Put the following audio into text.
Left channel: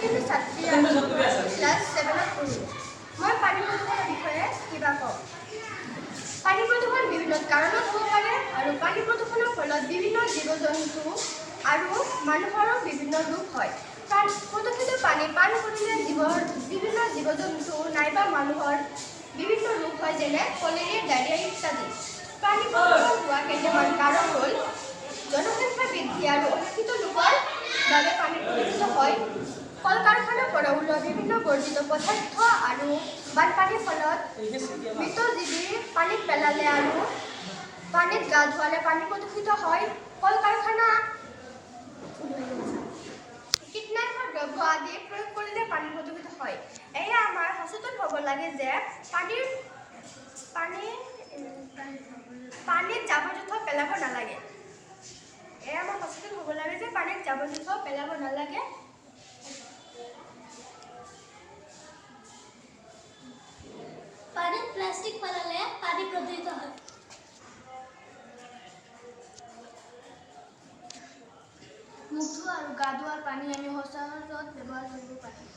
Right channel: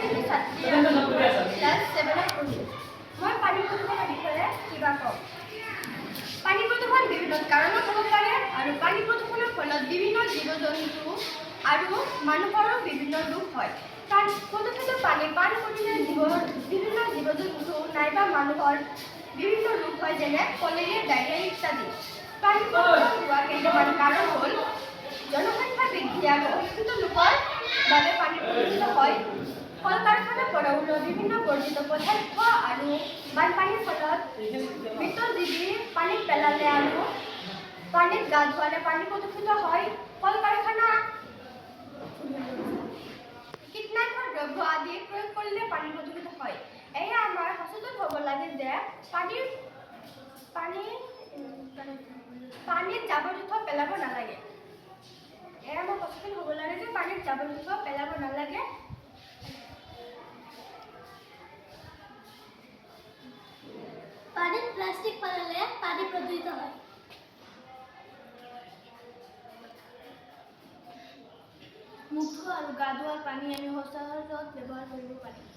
এজনী ছাত্ৰী ক্লাছ 7ত পঢ়োঁ। মই পানী প্ৰদূষণৰ বিষয়ে কিবা কওঁ। পানী প্ৰদূষণ বিভিন্ন কাৰণত হ'ব পাৰে আৰু পানী প্ৰদূষণৰ ফলত বিভিন্ন জীৱ-জন্তু আৰু মানুহৰো বিভিন্ন ৰোগ হয়। প্ৰদূষিত পানী পান কৰিলে বিভিন্ন জীৱ-জন্তু নাইবা মানুহৰ বিভিন্ন ৰোগ হয়, যেনে কলেৰিয়া, ডায়েৰিয়া ইত্যাদি। পানী প্ৰদূষণ হোৱা কেইটামান কাৰণ হ'ল জনসংখ্যা বৃদ্ধি আৰু অশিক্ষিত লোকৰ বাবে পানী প্ৰদূষিত হয়, কল-কাৰখানাৰ পৰা ওলোৱা বিভিন্ন বৰ্জিত পদাৰ্থ আৰু বানপানীৰ ফলত মৃত জীৱী পানীত পেলালে আৰু পানীত গা ধুৱালে পানী প্ৰদূষিত হয়, কল-কাৰখানা কীটনাশক দ্ৰব্য আদি প্ৰয়োগ কৰিলে পানী প্ৰদূষিত হয়। এয়া আমাৰ সচেতন হ'ব লাগে যে পানীত জাবৰ-জোথৰ পেলাব নালাগে। পানীত প্লাষ্টিক পেলালে পানী প্ৰদূষিত হয়। মুখ ধোৱা আৰু গা ধোৱাৰ পানী আমি সচৰাচৰত ব্যৱহাৰ কৰিব পাৰোঁ।